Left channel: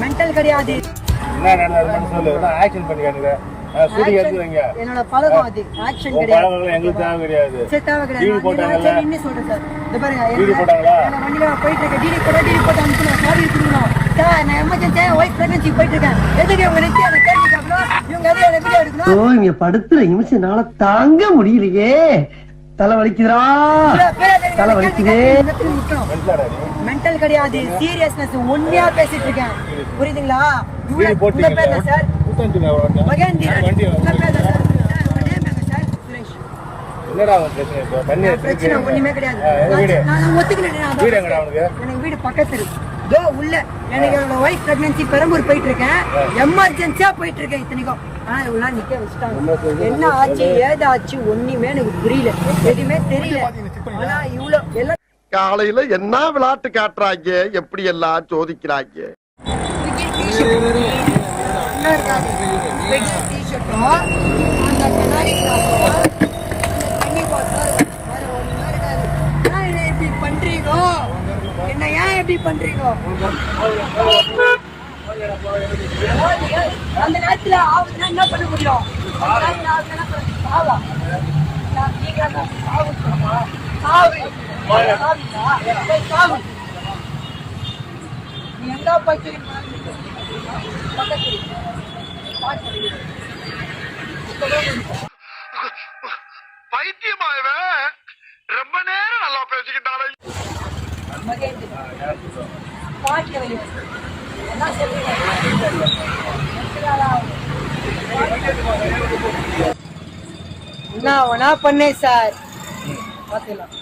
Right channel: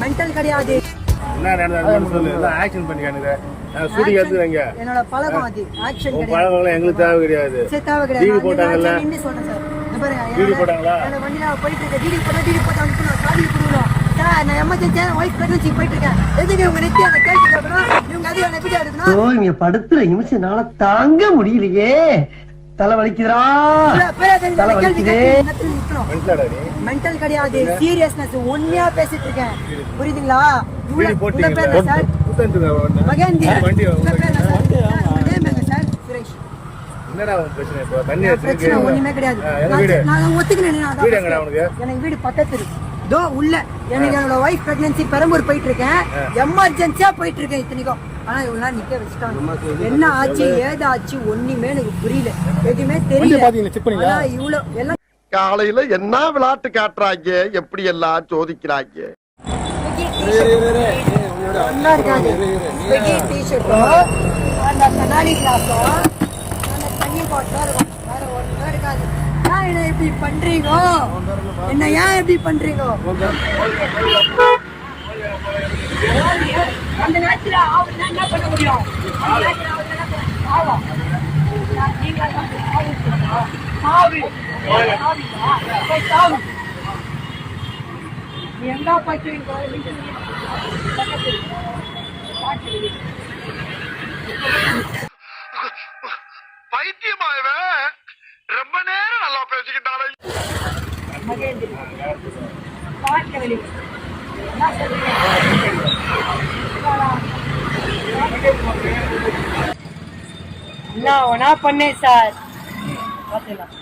Mental கிடையாது. என்னோட பழக்கம் அது. ஆக்ஷன் கிடையாது. எங்களுக்கு தேவை கிடையாது. தேவை கிடையாது. சொல்றேன் சார். இந்த பாருங்க, வண்டியில போயிட்டு இருக்கேன். டிடி போட்டு அனுப்பிச்சு நான் காடி எடுத்துக்கணும் சார். நான் எமர்ஜென்சியா ஒய்ஃப் பிரெக்னன்சி போயிட்டு இருக்கேன். எதுக்கு உங்க நெத்தி அதை கேள்வி கேட்கணும்? இவங்க அதில் எனக்கு வீடியோ எடுக்கணும். இங்க படுத்துற நிமிஷம்னால தாங்க முடியலையே. தலை வலிக்குதுடா, தலை வலிக்குதே. மென்டல் கிடையாது, சீரியஸ்னஸ். உண்மையா பேசிட்டு இருக்கேன், புரியுதுங்களா? சார் பிரச்சனை ஒண்ணுமே கிடையாது. நான் ஒத்துக்கல. எனக்கு வீடு பக்கத்துல தோ உள்ள. எனக்கு என்னோட ஒய்ஃப் பிரெக்னன்சி பெரம்பூர் போயிட்டு இருக்கேன். எமர்ஜென்சியா போயிட்டு இருக்கேன். இத்தனைக்கும் ஆனா இவ்வளவு நிக்க வச்சுட்டாங்க. என்ன ஆச்சு ஏது ஆச்சு ஒண்ணுமே எனக்கு புரியல, எதுவுமே தெரியல. ஆனா இவ்வளவு எல்லாம் காலையில என்ன விளையாட்டு காட்டுறாங்க, எப்படி எல்லாம் சோதிக்கிறாங்க. என்ன இருக்காது டிஷர்ட்டும் அந்த கண்ணாடி கிளாஸும் என்ன இப்படி பண்றீங்க? என்ன ஏன் இப்படி பண்றீங்க? அந்த நேரத்துல நான் என்ன பண்ண முடியும்? நீ எங்க பைத்தியமாயவே ரொம்ப நேரம் நல்லா பேசிக்கிட்டாலே. என்ன பண்ணேன் சார்? பாத்துக்கலாம்.